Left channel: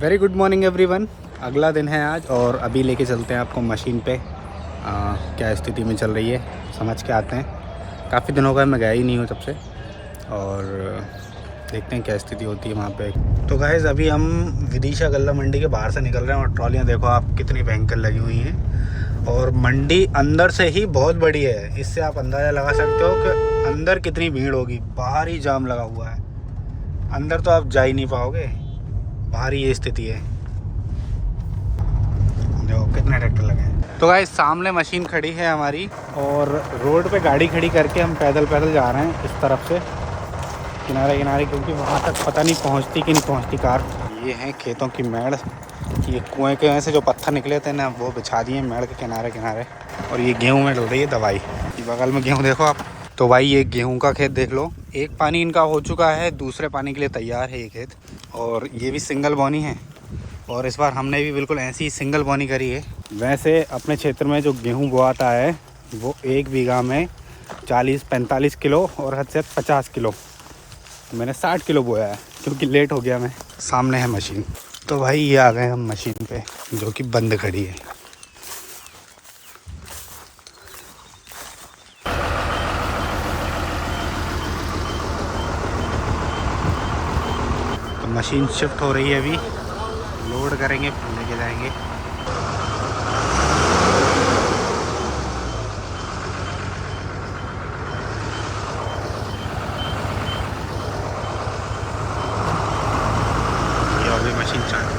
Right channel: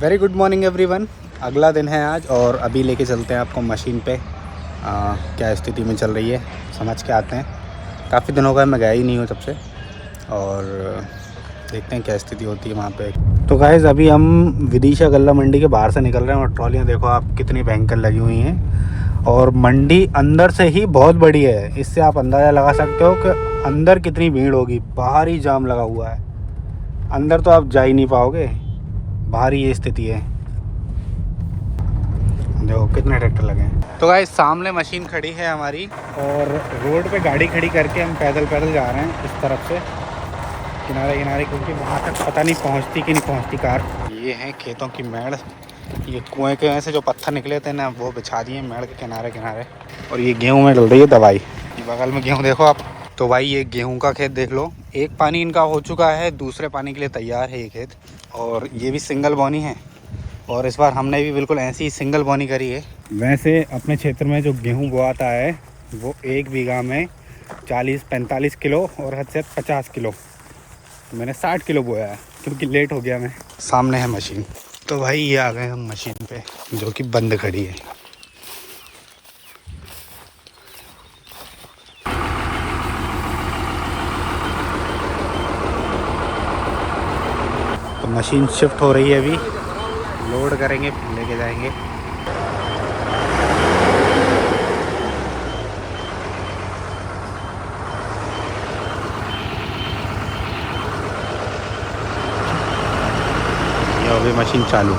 Very good morning everyone. अगला दिन है आज और अभी लेके चलते हैं आपको मशीन पे। क्या स्थिति में चल रही है समझ के आते हैं। काफ़ी दिनों का मैं गया ही नहीं हूँ तब से, और देखते हैं क्या स्थिति होती है वहाँ पे। तो गाइस अभी हम विदिशा गल्ला मंडी के बाहर से निकल रहे हैं और ट्रॉलियाँ देखो आप कितनी भयंकर लगी हुई हैं, और मंडी अंदर से ही बहुत बड़ी है। इससे आप अंदाज़ा लगा सकते हो कि अंदर कितनी भीड़ होगी। बाहर ही जाम लगा हुआ है, अंदर तो आप जा ही नहीं पाओगे। बाहर ही ये स्थिति है, जो कितने ट्रैक्टर लगे हैं। तो गाइस सामने मशीन खड़ी है हमारी, और रोड पे गाड़ी खड़ी करके हम पैदल जा रहे हैं इस तरफ से किनारे किनारे, क्योंकि वहाँ तक पता नहीं पहुँचती कि नहीं पहुँचती कार। ये हैं खेतों की मेड़, ये कुएँ के से जो पत्थर निकले थे ना वो बिछा दिए मेड़ के किनारे किनारे। और ये गेहूँ में डल रही है दवाई, ये बगल में गेहूँ देखो आप। तो भाई ये गेहूं का खेत देख लो, एक पानी इनका हो चुका है, दूसरे पानी के लिए तैयार है ये खेत। और ये भी सिंगल बोनी है, और इस बार हमने भी बिल्कुल ऐसी ही सिंगल बोनी करी है। वैसे अपने क्षेत्र में जो गेहूं बोआता है वो 1 बीघा में 40-45 किलो और हद से 50 किलो। मैंने 60 किलो बोया है क्योंकि लेट हो गया मैं। सामने है मशीन। तो भाई ये आ गए हम मशीन पे, जो कि बंद खड़ी है। तो मशीन शिफ्ट हो रही है, अभी लोड करेंगे फिर लेके जाएंगे। ये अभी मशीन चालू।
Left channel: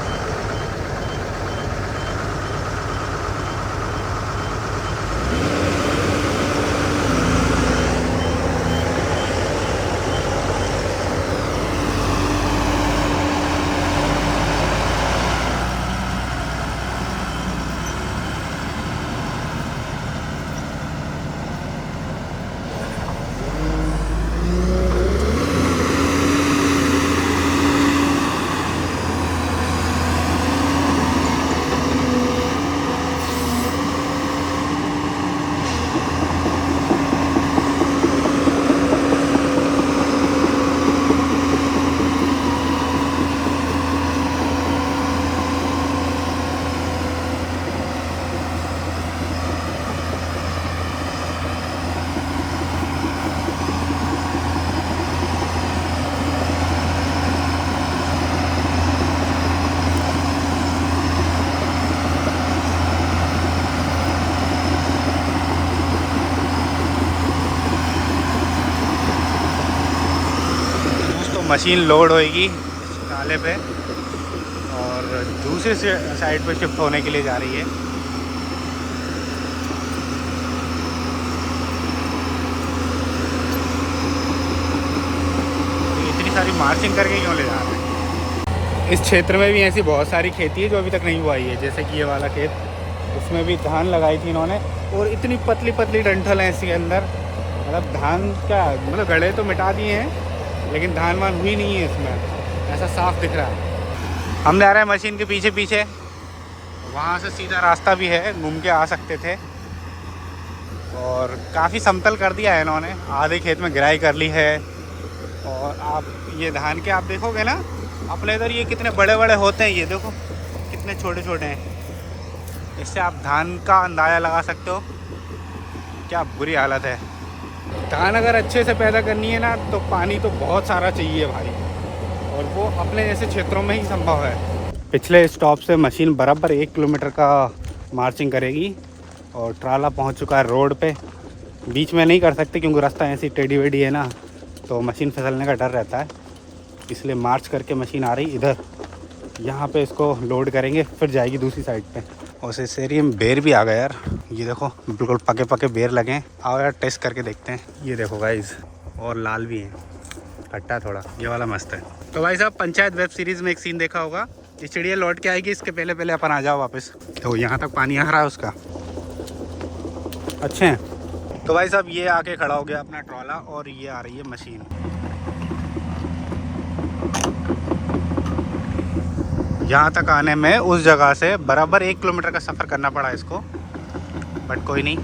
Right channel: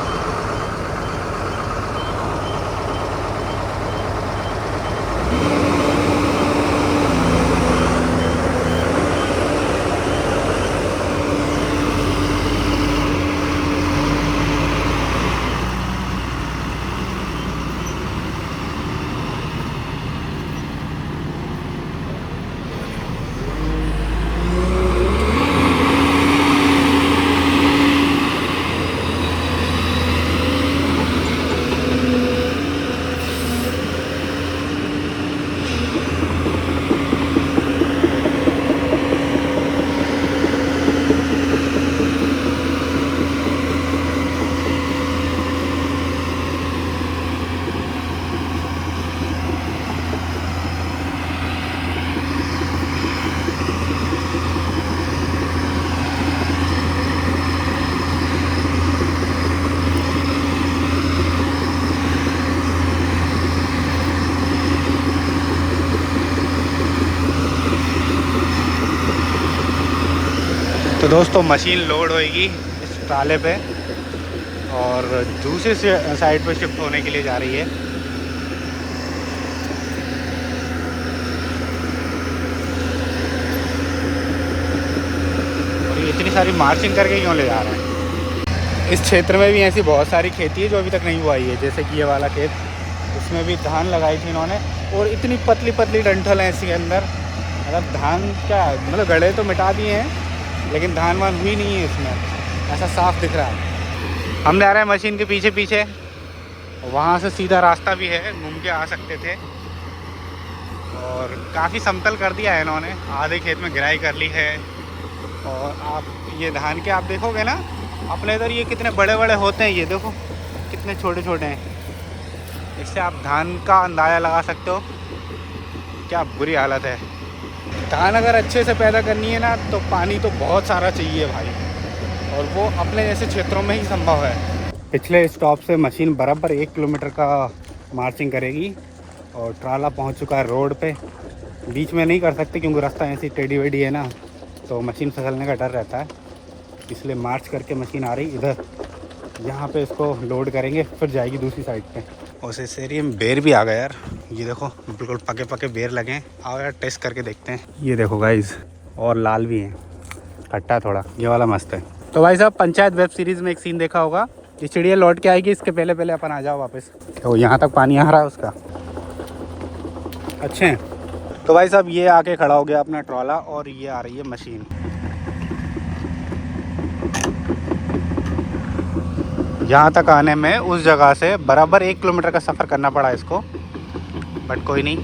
दोस्तों मशीन लोड होएगी इस ट्राले पे और दूसरी साइड पे शिफ्ट होने के लिए जा रही है। और ये इतनी सारी मार्चिंग करके क्यों ले जा रहे हैं। इस क्षेत्र में भी ऐसी बहुत सारी खेती है जो अभी तक नहीं बुआई है, जैसे कि ये वाला खेत, उसमें भी धान लगाई थी इन्होंने, और इतनी पतली पतली डंठल हैं इसके अंदर। मतलब धान का मतलब गड़े तो मिटा दिए हैं लेकिन धान वान हुई नहीं है इसमें, ऐसा साफ दिख रहा है। हम जा रहे हैं मशीन के पीछे पीछे, वहाँ से सीधा रास्ता भी है, घूम के आ सकते थे। और काफ़ी समतल कर दिया है इन्होंने, आधे खेत में गिराई कर ली है। और आप ये धान के आप देखोगे ना, अपने इधर ये कितने बड़े बड़े होते हैं, ये देखो कितने छोटे छोटे हैं। इससे आप धान का अंदाज़ा लगा सकते हो क्या बुरी हालत है। धान अगर अच्छे से पैदा करनी है ना तो पानी तो बहुत सारा चाहिए भाई, और वो अपने जैसे क्षेत्रों में ही संभव है। पिछले स्टॉप से मशीन बराबर 1 किलोमीटर का मार्चिंग करेगी, और ट्राला पहुंच चुका है रोड पे। बीच में नहीं कर सकते क्योंकि रास्ता ऐसी टेढ़ी वेढ़ी है ना, तो मशीन फिसलने का डर रहता है, इसलिए मार्च करके मशीन आ रही इधर। यहाँ पे इसको लोड करेंगे फिर जाएगी दूसरी साइड पे। और इस एरिया में बेर भी आ गया यार, ये देखो बिल्कुल पके पके बेर लगे हैं। आओ यार टेस्ट करके देखते हैं। ये देखो गाइज, और लाल भी है, खट्टा थोड़ा, ये वाला मस्त है। तो भाई साहब पंचायत वेब सीरीज़ में एक सीन देखा होगा, ये चिड़िया लौट के आएगी, इसके पहले पहले अपन आ जाओ वापस। तो यहाँ तक पानी आ रहा है उसका, अच्छे हैं। तो भाई साहब ये आके खड़ा हो गया अपना ट्रॉला, और ये आ रही है मशीन। यहाँ तक आने में उस जगह से बराबर 1 किलोमीटर का सफ़र करना पड़ा इसको, बट कोई नहीं।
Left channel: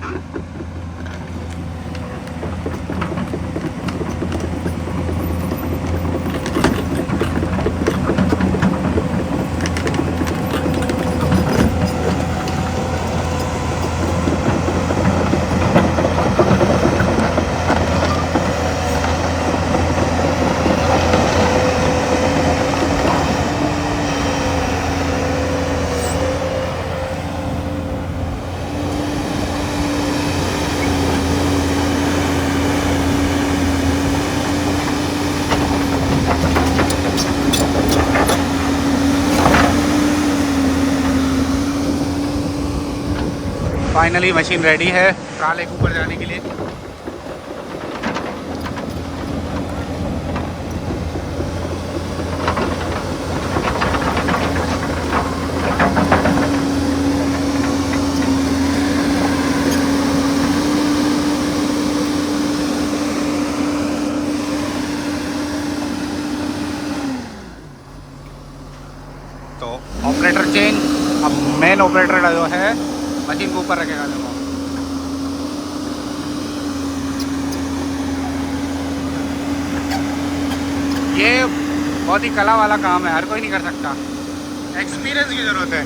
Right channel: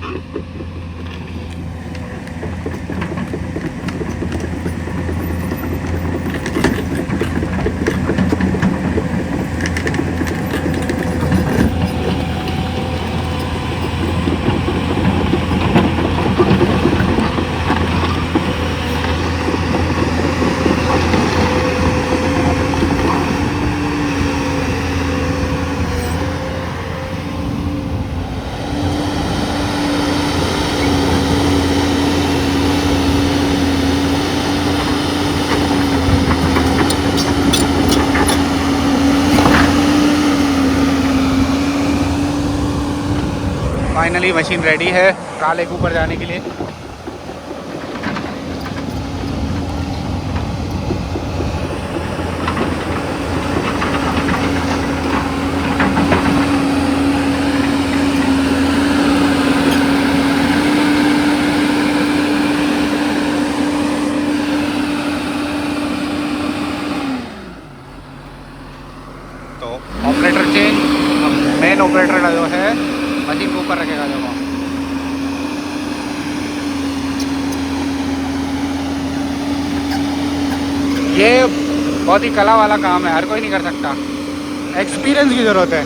फाइनली मशीन रेडी है ट्राले के ऊपर जाने के लिए। तो ऑपरेटर चेंज, अब मेन ऑपरेटर जो है मशीन के ऊपर रखेगा। देखो ये बहुत ही कला वाला काम है, हर कोई नहीं कर सकता, एक्सपीरियंस की ज़रूरत है।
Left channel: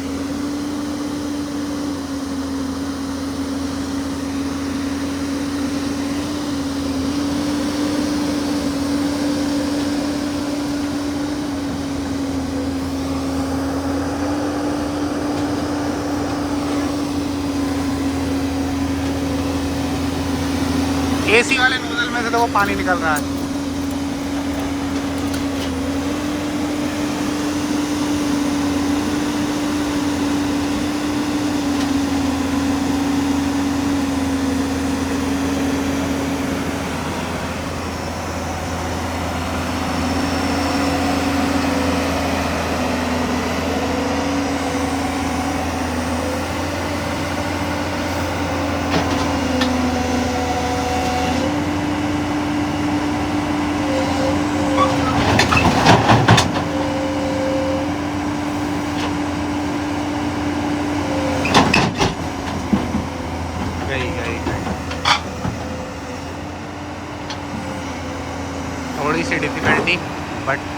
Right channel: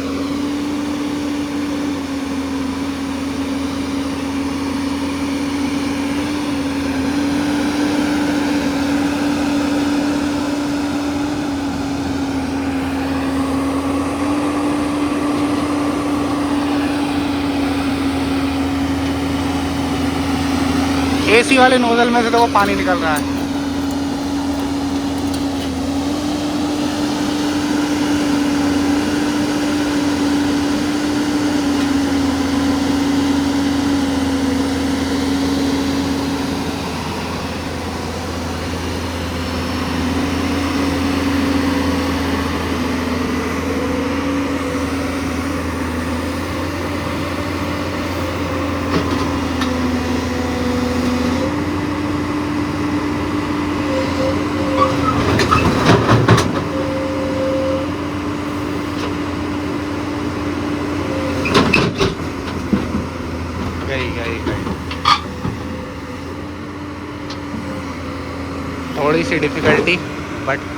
एसी वाले नोजल में से तो वो पानी निकल रहा है। गई थोड़ी सी difficulty but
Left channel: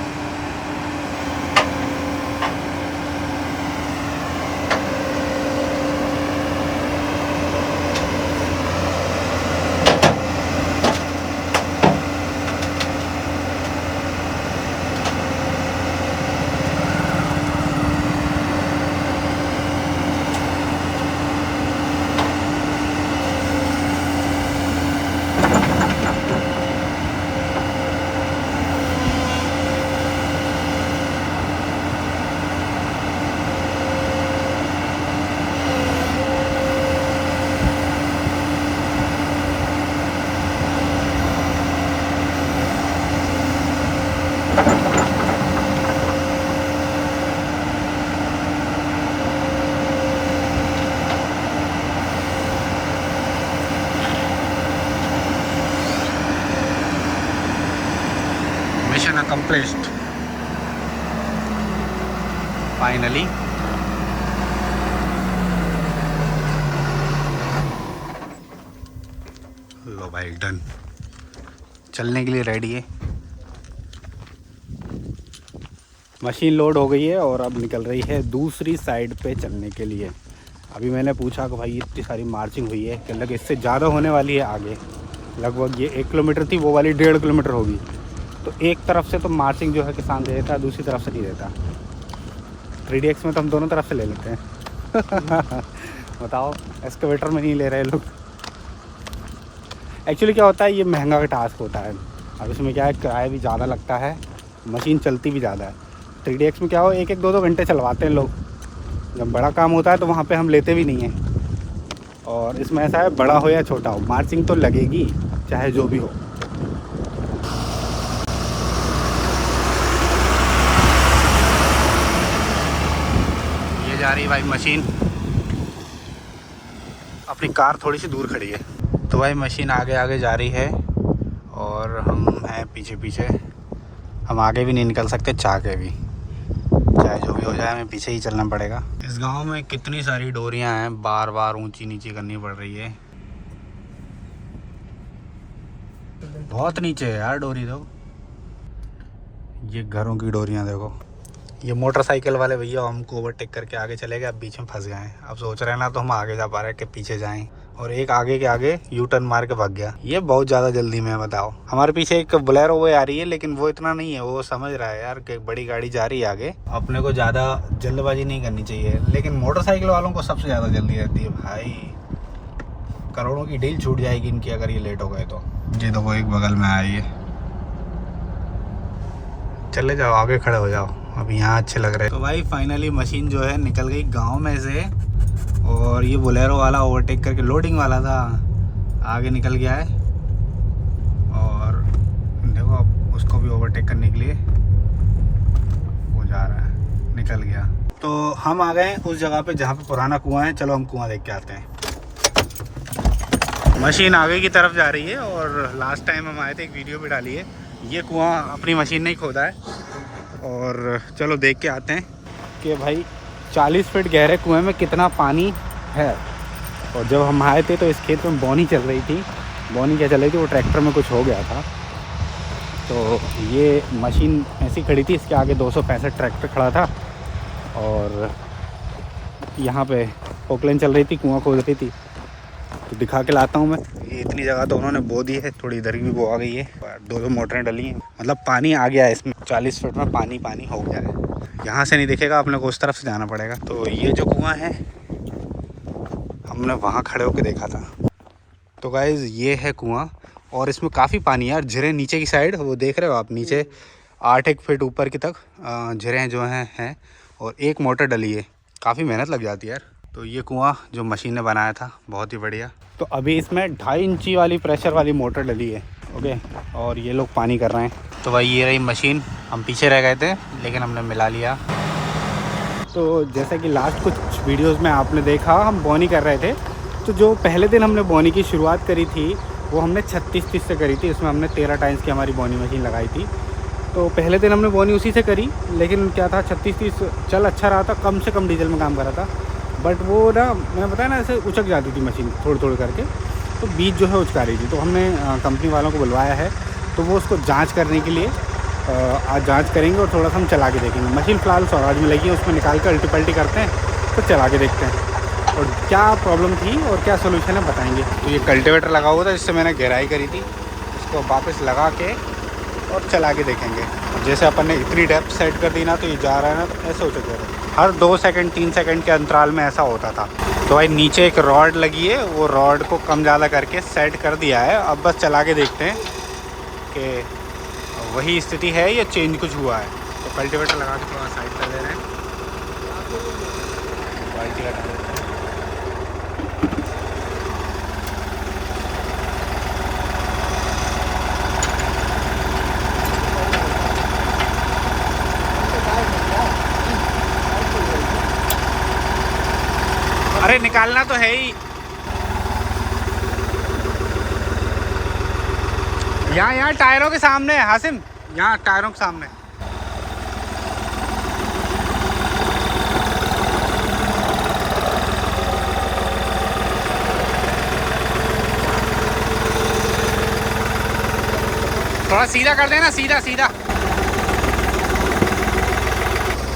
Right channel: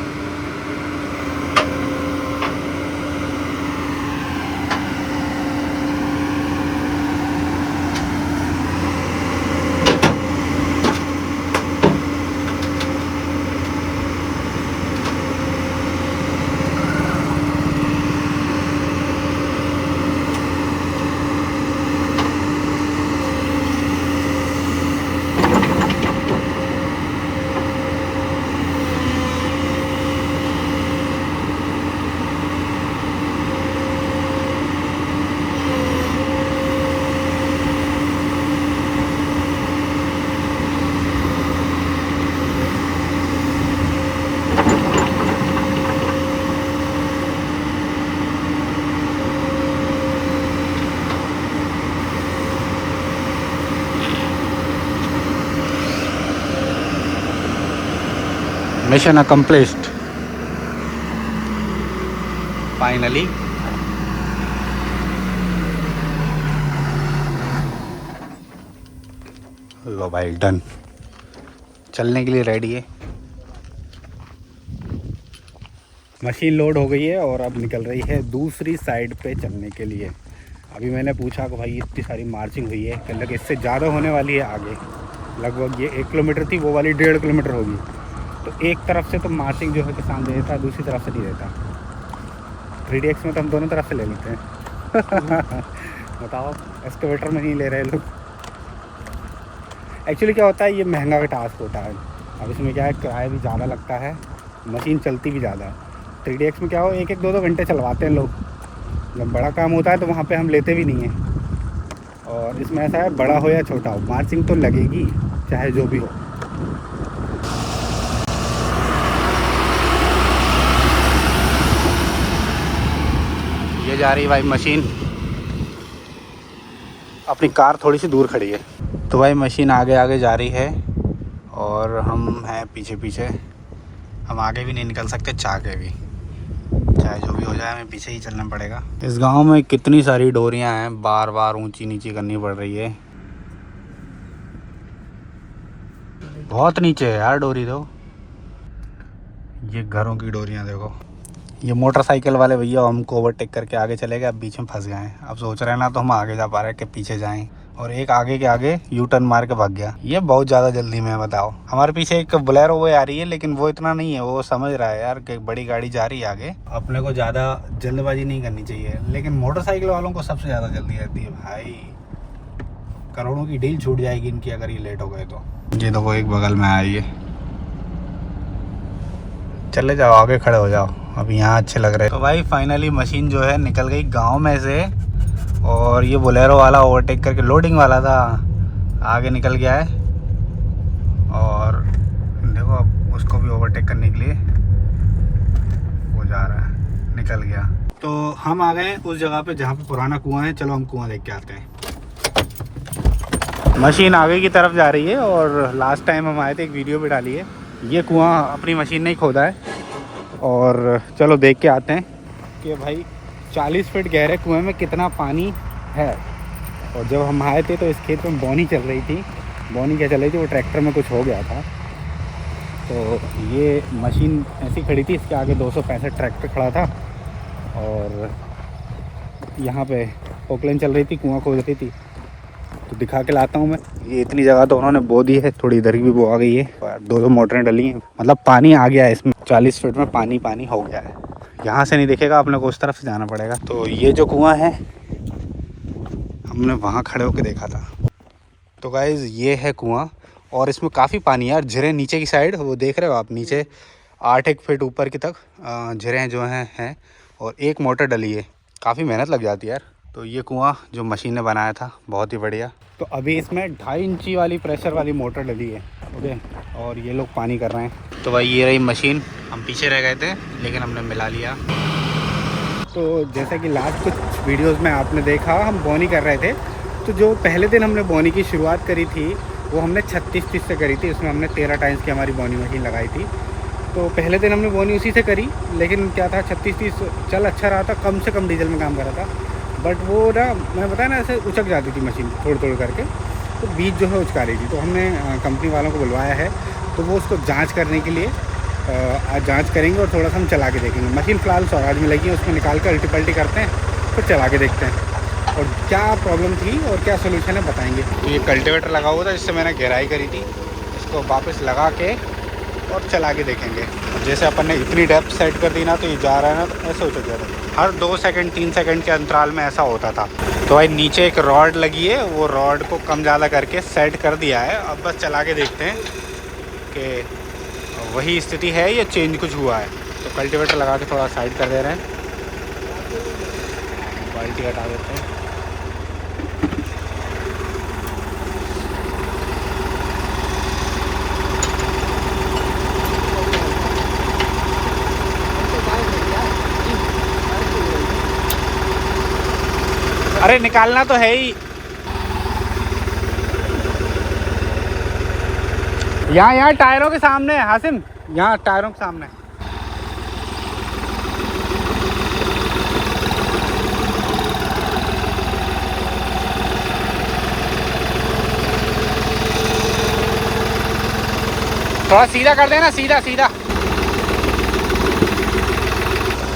mission accomplished finally. लो भाई डन, चलने के लिए रेडी है। मशीन लोड हो गई है और अब निकल रही है दूसरी साइड पे चलने के लिए। अभी मैंने पूछा कि भाई इतनी सारी मार्चिंग हुई है, कहने लगे इससे ज़्यादा होने वाली है आगे। लगभग ये 1 किलोमीटर थी, वो वाली 1.5 किलोमीटर होगी। तो एक तरफ से तो मार्चिंग जो है किसान दे देता है, दूसरी तरफ से नहीं देता। 3DX में तो हम दोनों तरफ से ले लेते हैं। बताओ एक्सकवेटर में नहीं ले रहे लोग। एक्चुअली क्या होता है, ये महंगा का टास्क होता है। अब इसमें क्या है, किराया भी ज़्यादा लगता है, मशीन चलती भी ज़्यादा है। 3DX में क्या हो, 1-1, 2-2 घंटे चलवाते हैं लोग। जब बड़ा काम होता है तो वहाँ पे हम लेते भी नहीं हैं। और इसमें ऐसा है, बड़ा हो या छोटा हो, मार्चिंग तो लगेगी चाहे जो भी हो। ये जा रही भाई मशीन, अपनी कार थोड़ी सी दूर खड़ी है तो भाई मशीन आगे आगे जा रही है और हम हैं पीछे पीछे। हम आगे भी नहीं निकल सकते, चाह के भी, चाहे जो भी हो जाए हमें पीछे ही चलना पड़ेगा। इस गांव में कितनी सारी डोरियां हैं, बार बार ऊंची नीची करनी पड़ रही है। बहुत नीचे है यार डोरी। तो ये घरों की डोरियां देखो। ये मोटरसाइकिल वाले भैया हमको ओवरटेक करके आगे चले गए, अब बीच में फंस गए हैं। अब सोच रहे हैं ना तो हम आगे जा पा रहे हैं कि पीछे जाएं। और एक आगे के आगे यू टर्न मार के भाग गया। ये बहुत ज़्यादा जल्दी में, बताओ। हमारे पीछे एक बोलेरो वो आ रही है, लेकिन वो इतना नहीं है, वो समझ रहा है यार कि बड़ी गाड़ी जा रही है आगे, अपने को ज़्यादा जल्दबाजी नहीं करनी चाहिए। लेकिन मोटरसाइकिल वालों को सबसे ज़्यादा जल्दी रहती है भाई। करोड़ों की डील छूट जाएगी इनकी अगर ये लेट हो गए तो। ये तो वो एक बगल में आई है, चले जाओ आगे खड़े हो जाओ, अब यहाँ अच्छे लग रहे हैं। तो भाई फाइनली मशीन जो है निकल गई गांव में से और ये बोलेरो वाला ओवरटेक करके, लोडिंग वाला था, आगे निकल गया है। और देखो अब उसको भी ओवरटेक करने के लिए वो जा रहा है, निकल गया। तो हम आ गए उस जगह पे जहाँ पे पुराना कुआं है। चलो हम कुआं देख के आते हैं। मशीन आगे की तरफ जा रही है और लास्ट टाइम हम आए थे, एक वीडियो भी डाली है। ये कुआं अपनी मशीन ने ही खोदा है। और चलो देख के आते हैं कि भाई 40 फीट गहरे कुएं में कितना पानी है। और जब हम आए थे तो इस खेत में बोनी चल रही थी। बोनी क्या चल रही थी, वो ट्रैक्टर में कुछ हो गया था। तो ये मशीन ऐसी खड़ी थी, इसके आगे 265 ट्रैक्टर खड़ा था। और यहाँ पे पोकलेन चल रही थी, कुआं खोद रही थी। तो दिखा के लाता हूँ मैं। ये इतनी जगह तो उन्होंने बो दी है, थोड़ी इधर भी बो आ गई है। 2 मोटरें डली हैं, मतलब पानी आ गया है इसमें। 40 फीट में पानी हो गया है। यहाँ से नहीं दिखेगा, अपने को उस तरफ से जाना पड़ेगा। तो ये जो कुआं है हमने वहाँ खड़े होकर देखा था। तो गाइज़ ये है कुआं और इसमें काफ़ी पानी है। और झिरे नीचे की साइड वो देख रहे हो आप, नीचे 8 फीट ऊपर की तक झिरे जो हैं। और एक मोटर डली है, काफ़ी मेहनत लग जाती है यार। तो ये कुआं जो मशीन ने बनाया था बहुत ही बढ़िया। तो अभी इसमें 2.5 इंची वाली प्रेशर वाली मोटर डली है। ओके, और ये लोग पानी कर रहे हैं। तो भाई ये रही मशीन। हम पीछे रह गए थे लेकिन हमने मिला लिया। तो जैसा कि लास्ट कुछ वीडियोस में आपने देखा, हम बोनी कर रहे थे। तो जो पहले दिन हमने बोनी की शुरुआत करी थी वो हमने 36 से करी थी। इसमें हमने 13 टाइम्स की हमारी बोनी मशीन लगाई थी। तो पहले दिन हमने बोनी उसी से करी, लेकिन क्या था 36-30 चल अच्छा रहा था, कम से कम डीजल में काम कर रहा था। बट वो ना, मैं बताया ना, ऐसे उचक जाती थी मशीन थोड़ी करके। तो बीच जो है उचका रही थी। तो हमने कंपनी वालों को बुलवाया है, तो वो उसको जांच करने के लिए आज जांच करेंगे और थोड़ा सा हम चला के देखेंगे। मशीन फ़िलहाल स्वराज में लगी है, उसमें निकाल कर अल्टी पल्टी करते हैं, फिर चला के देखते हैं और क्या प्रॉब्लम थी और क्या सोल्यूशन है बताएंगे। ये कल्टीवेटर लगा हुआ था जिससे मैंने गहराई करी थी, इसको वापस लगा के और चला के देखेंगे। और जैसे अपन ने इतनी डेप्थ सेट कर दी ना, तो ये जा रहा है ना, तो ऐसे होता जा रहा है। हर 2 सेकंड 3 सेकंड के अंतराल में ऐसा होता था। तो भाई नीचे एक रॉड लगी है, वो रॉड को कम ज़्यादा करके सेट कर दिया है। अब बस चला के देखते हैं कि वही स्थिति है या चेंज कुछ हुआ है। तो कल्टीवेटर लगा के थोड़ा साइड कर दे रहे हैं, बाल्टी हटा देते हैं। अरे निकालना तो है ही। यहाँ टायरों के सामने है हासिम, यहाँ टायरों के सामने। थोड़ा सीधा कर देना, सीधा सीधा।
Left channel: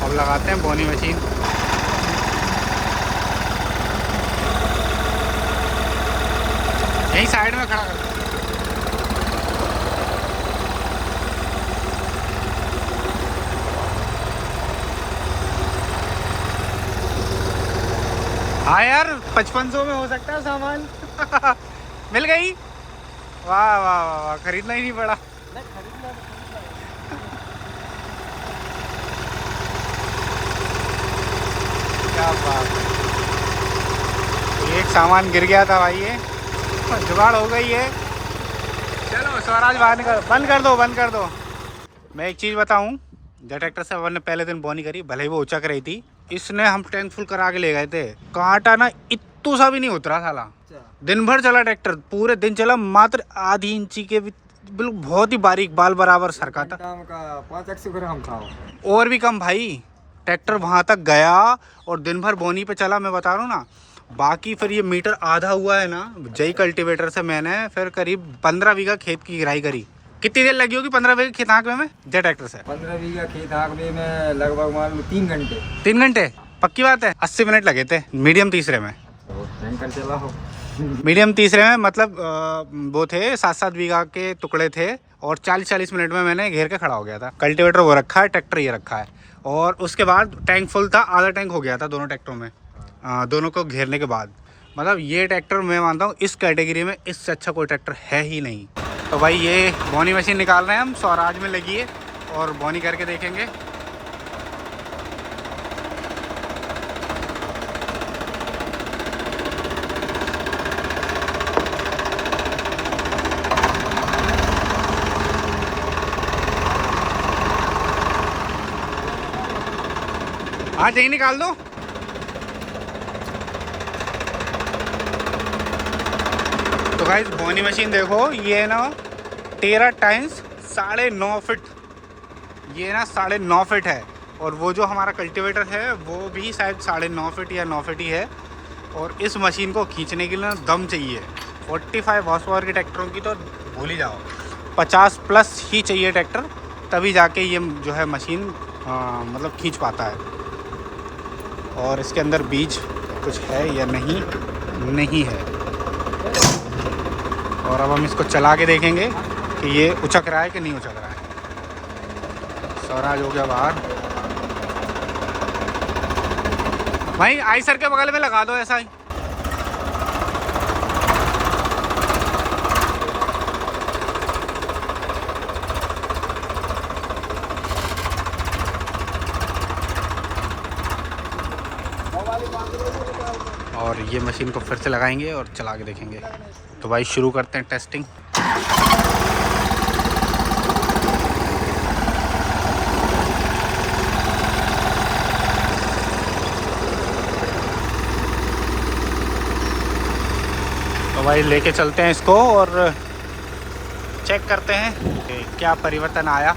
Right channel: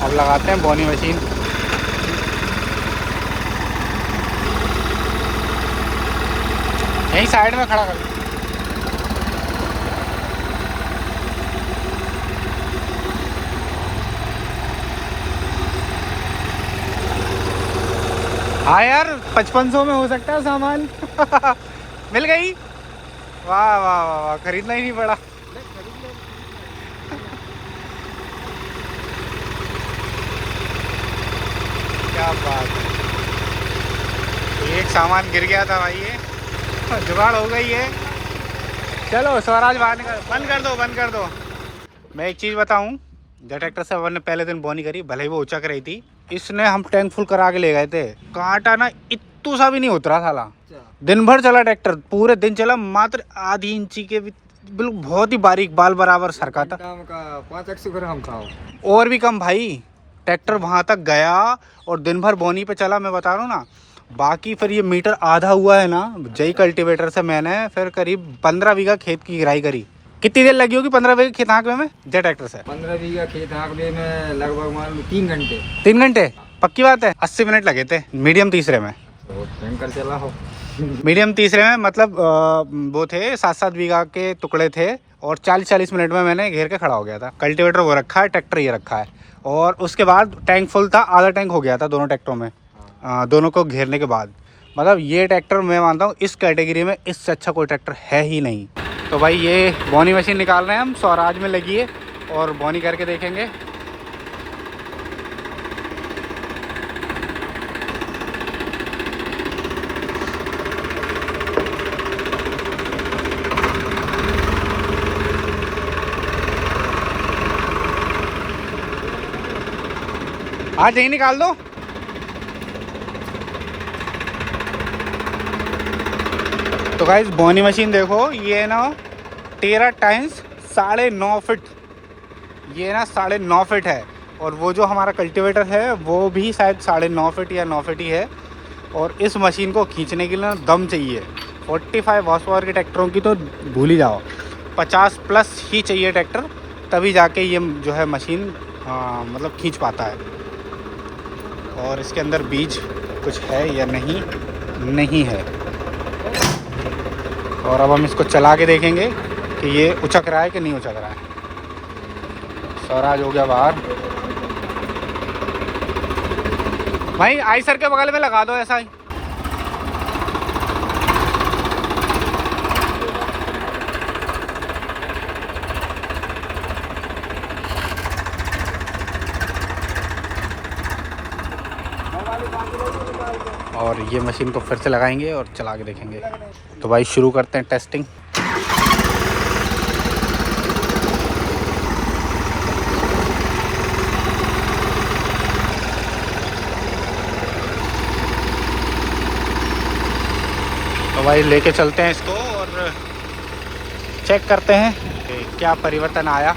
अब लगाते हैं बोनी मशीन। यहीं साइड में खड़ा कर। हाँ यार 5500 में हो सकता है सामान। मिल गई। वाह वाह वाह वाह, खरीदना ही नहीं पड़ा। क्या बात है। एक सामान गिर गया था भाई, ये जुगाड़ हो गई है। चलो स्वराज बंद कर दो। मैं एक चीज़ बताऊं, जो ट्रैक्टर से अपन ने पहले दिन बोनी करी, भले ही वो उचक रही थी, इसने हम टैंक फुल करा के ले गए थे, कांटा ना इत्तू सा भी नहीं उतरा साला। दिन भर चला ट्रैक्टर, पूरे दिन चला, मात्र आधी इंची के बिल्कुल बहुत ही बारीक बाल बराबर सरका था। 500 ग्राम था और भी कम भाई। ट्रैक्टर वहाँ तक गया और दिन भर बोनी पे चला, मैं बता रहा हूँ ना। बाकी फिर ये मीटर आधा हुआ है ना, जय कल्टीवेटर से मैंने फिर करीब 15 बीघा खेत की गिराई करी। कितनी देर लगी होगी 15 बीघा खेत हाँकने में जय ट्रैक्टर से? 15 बीघा खेत हाँकने में लगभग मान लो 3 घंटे। 3 घंटे पक्की बात है। 80 मिनट लगे थे मीडियम तीसरे में। तो टैंकर चला हो। मीडियम तीसरे में मतलब वो थे 7-7 बीघा के टुकड़े थे और 40-40 मिनट में मैंने घेर के खड़ा हो गया था। कल्टीवेटर वो रखा है, ट्रैक्टर ये रखा है। और उसके बाद टैंक फुल था, आधा टैंक हो गया था दोनों ट्रैक्टरों में, दोनों को घेरने के बाद। मतलब ये ट्रैक्टर मैं मानता हूँ इस कैटेगरी में इससे अच्छा कोई ट्रैक्टर है ही नहीं। तो भाई ये बोनी मशीन निकाल रहे हैं हम, स्वराज में लगी है और बोनी करके देखेंगे। आज यही निकाल दो। तो गाइस बोनी मशीन देखो, ये ना 13 टाइम्स 9.5 फीट, ये ना 9.5 फीट है। और वो जो हमारा कल्टीवेटर है वो भी शायद 9.5 फीट या 9 फीट ही है। और इस मशीन को खींचने के लिए ना दम चाहिए। 45 हॉर्स पावर के ट्रैक्टरों की तो भूल ही जाओ, 50 प्लस ही चाहिए ट्रैक्टर, तभी जाके ये जो है मशीन मतलब खींच पाता है। और इसके अंदर बीज कुछ है या नहीं है। और अब हम इसको चला के देखेंगे कि ये उचक रहा है कि नहीं उचक रहा है। स्वराज हो गया बाहर। भाई आई सर के बगल में लगा दो ऐसा ही। और ये मशीन को फिर से लगाएंगे और चला के देखेंगे। तो भाई शुरू करते हैं टेस्टिंग। तो भाई लेके चलते हैं इसको और चेक करते हैं कि क्या परिवर्तन आया।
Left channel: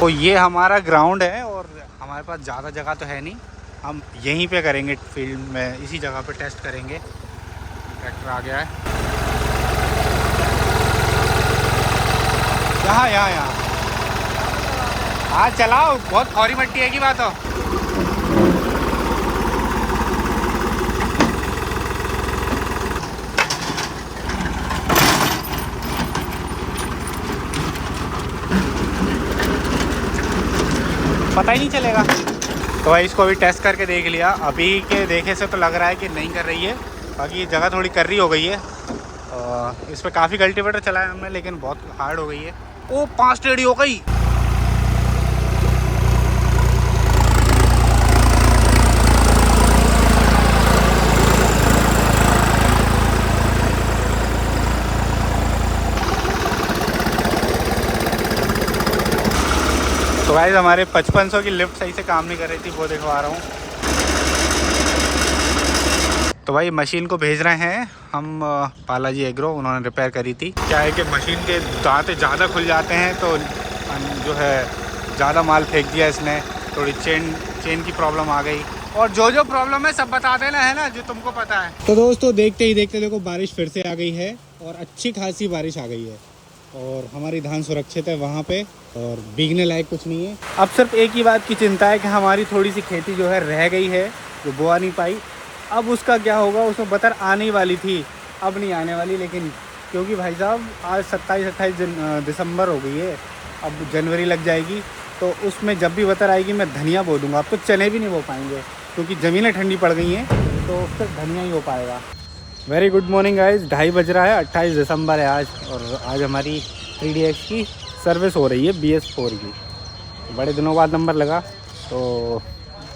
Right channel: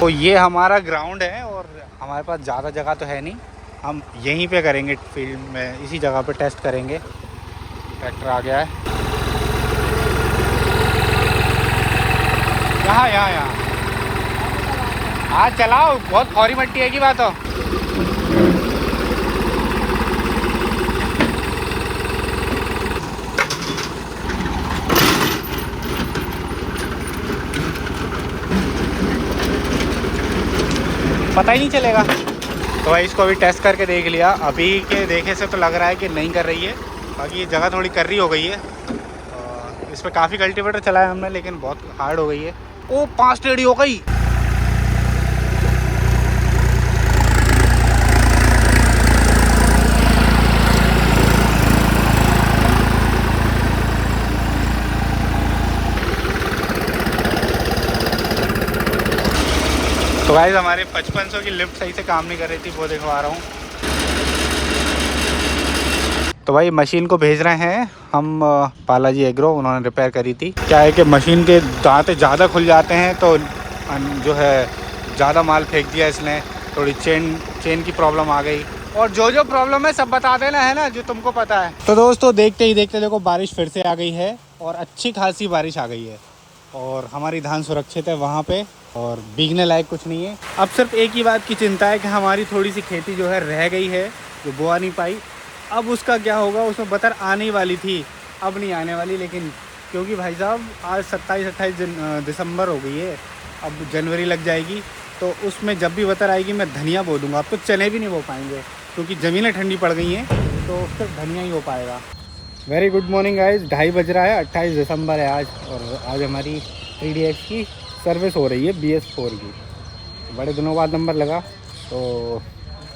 तो ये हमारा ग्राउंड है और हमारे पास ज़्यादा जगह तो है नहीं, हम यहीं पे करेंगे फील्ड में, इसी जगह पे टेस्ट करेंगे। ट्रैक्टर आ गया है यहाँ। हाँ चलाओ, बहुत खौरी मट्टी है की बात हो। पता ही नहीं चलेगा। तो भाई इसको अभी टेस्ट करके देख लिया, अभी के देखे से तो लग रहा है कि नहीं कर रही है। बाकी ये जगह थोड़ी कर रही हो गई है। इस पर काफ़ी कल्टीवेटर चलाया हमने, लेकिन बहुत हार्ड हो गई है। ओ 5 टेढ़ी हो गई। तो गाइस हमारे 5500 की लिफ्ट सही से काम नहीं कर रही थी, वो दिखवा रहा हूँ। तो भाई मशीन को भेज रहे हैं हम बालाजी एग्रो, उन्होंने रिपेयर करी थी। क्या है कि मशीन के दांते ज़्यादा खुल जाते हैं, तो जो है ज़्यादा माल फेंक दिया इसने, थोड़ी चेन की प्रॉब्लम आ गई। और जो प्रॉब्लम है सब बता देना, है ना, जो तुमको पता है। तो दोस्तों देखते ही देखते देखो बारिश फिर से आ गई है और अच्छी खासी बारिश आ गई है। और हमारी धान सुरक्षित है वहाँ पे और भीगने लायक कुछ नहीं है। अब सिर्फ एक ही बात की चिंता है कि हमारी थोड़ी सी खेती जो है रह गई है, जो बोआ नहीं पाई। अब उसका क्या होगा, उसमें बतर आने वाली थी, अब नहीं आने वाली। लेकिन क्योंकि भाई साहब आज 27-28 दिसंबर हो गई है, अब जनवरी लग जाएगी, तो उसमें जब भी बतर आएगी मैं धनिया बो दूंगा। अब तो चने भी नहीं बो पाएंगे क्योंकि ज़मीनें ठंडी पड़ गई हैं, तो सिर्फ धनिया ही हो पाएगा। वेरी गुड मॉर्निंग गाइस, 2:30 बज रहा है, 28 दिसंबर है आज। और आज हमारी 3DX की सर्विस हो रही है BS4 की। बड़े दिनों बाद नंबर लगा, तो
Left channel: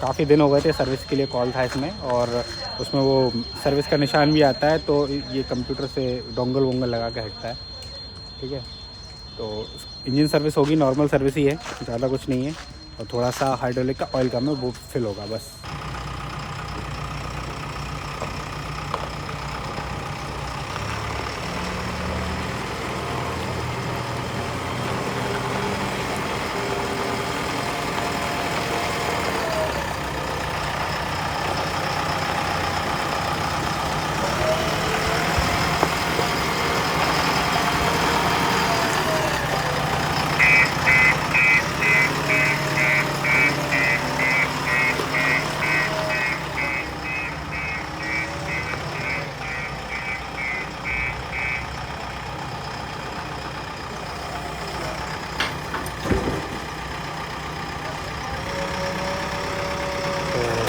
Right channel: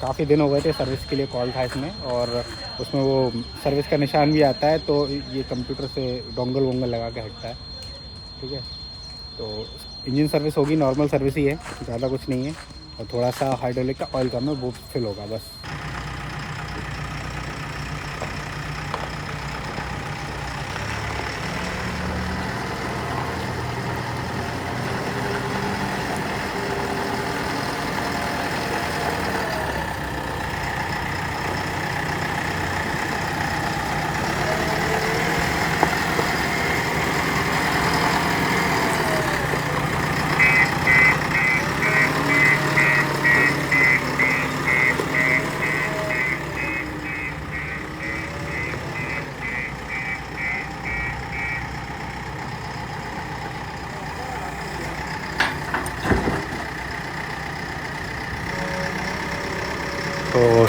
काफ़ी दिन हो गए थे सर्विस के लिए कॉल था इसमें। और उसमें वो सर्विस का निशान भी आता है, तो ये कंप्यूटर से डोंगल वोंगल लगा के हटता है। ठीक है, तो इंजन सर्विस होगी, नॉर्मल सर्विस ही है, ज़्यादा कुछ नहीं है। और थोड़ा सा हाइड्रोलिक का ऑयल कम है, वो फिल होगा बस।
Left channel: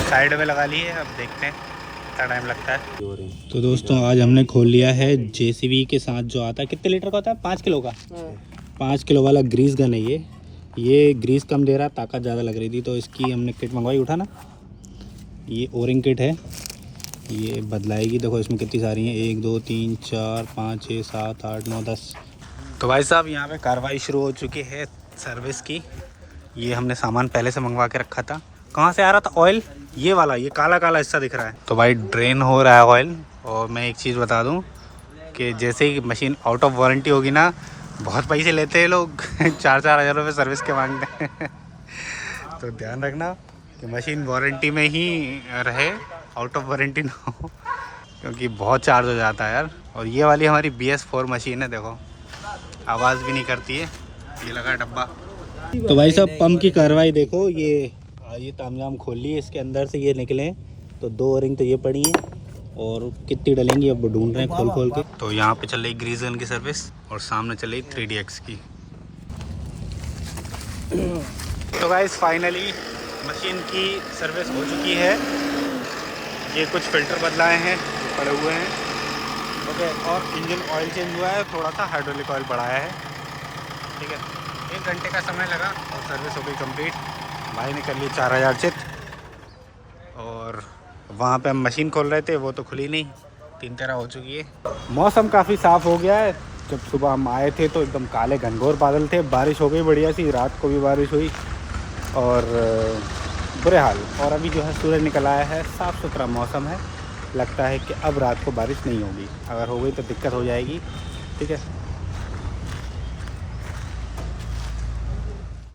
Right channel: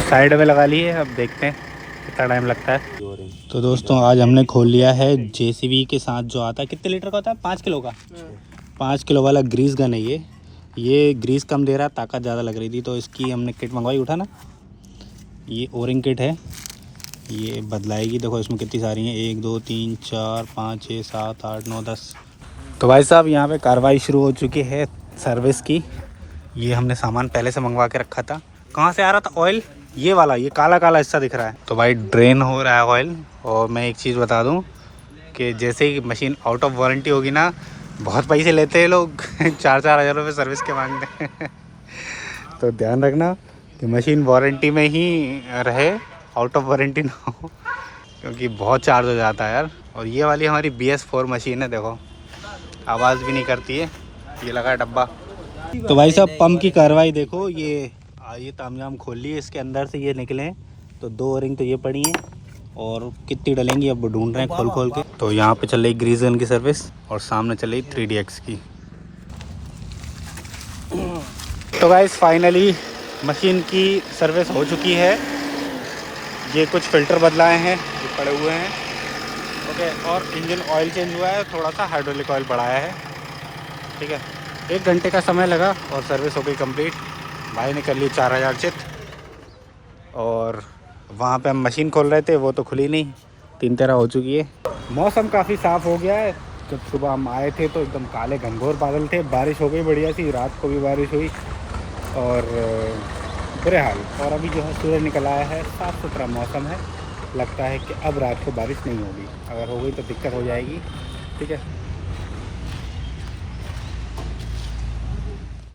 साइड में लगा ली है, अब देखते हैं कितना टाइम लगता है। तो दोस्तों आज हमने खोल लिया है जेसीबी के साथ जो आता है, कितने लीटर का होता है, 5 किलो का, 5 किलो वाला ग्रीस गन है ये ग्रीस कम दे रहा है, ताकत ज़्यादा लग रही थी तो इसकी हमने किट मंगवाई। उठा ना, ये ओरिंग किट है, ये बदलाएगी। देखो इसमें कितनी सारी हैं, 1 2 3 4 5 6 7 8 9 10। तो भाई साहब यहाँ पे कार्रवाई शुरू हो चुकी है सर्विस की। ये हमने सामान पहले से मंगवा के रखा था। कहाँ से आ रहा था ऑयल, ये वाला, ये काला काला हिस्सा दिख रहा है। तो भाई ड्रेन हो रहा है ऑयल। और मैं एक चीज़ बता दूँ कि जैसे ही मशीन आउट ऑफ वारंटी होगी ना, बहुत पैसे लेते हैं लोग 4-4 हज़ार रुपये सर्विस के मांगते हैं। तो ध्यान रखना कि मशीन वारंटी में ही रहे, आउट ऑफ वारंटी ना हो, क्योंकि बहुत चार्ज हो जाता है यार। और ये वाली हमारी BS4 मशीन है, देखो आवाज़ भी नहीं करती है, ये लगा है डब्बा। तो भाई साहब पंप की कार्रवाई देखो, ये तामझाम खोल ली है, इसके अंदर से ये निकले तो 2 रिंग तो ये पड़ी हैं और कितनी डलेंगी अब ढूंढ रहे हैं खोल के। तो यहाँ पे चल रही ग्रीस गन की सर्विस और सामने चल रही 3DX की। तो गाइस फाइनली मशीन की सर्विस हो चुकी है। ये कुछ फ़िल्टर बदलाए हैं जो पड़े हुए हैं, ओके, और इंजन ऑयल चेंज हुआ है, थोड़ा सा हाइड्रोलिक ऑयल बढ़ाया है, ठीक है। 1 घंटे का समय लगा और सर्विस हो गई कंप्लीट। भाई ने कर ली 4000 चित। और वहाँ पे हम मशीन खोल रहे थे, वो तो खुली नहीं, 3-13 हो चुकी है। मौसम काफ़ी साफ़ हो गया है। जब सुबह हम आए थे तो एकदम काले घनघोर बादल थे, बारिश हो गई बढ़िया सी, रात को भी बारिश हुई और बुरे हाल। और अभी जो है सूरज निकल आया है, साफ़ सुथरा मौसम है। लगता है कि अब रात को बारिश नहीं होगी, अगर हो गई तो दिक्कत हो जाएगी, ठीक है।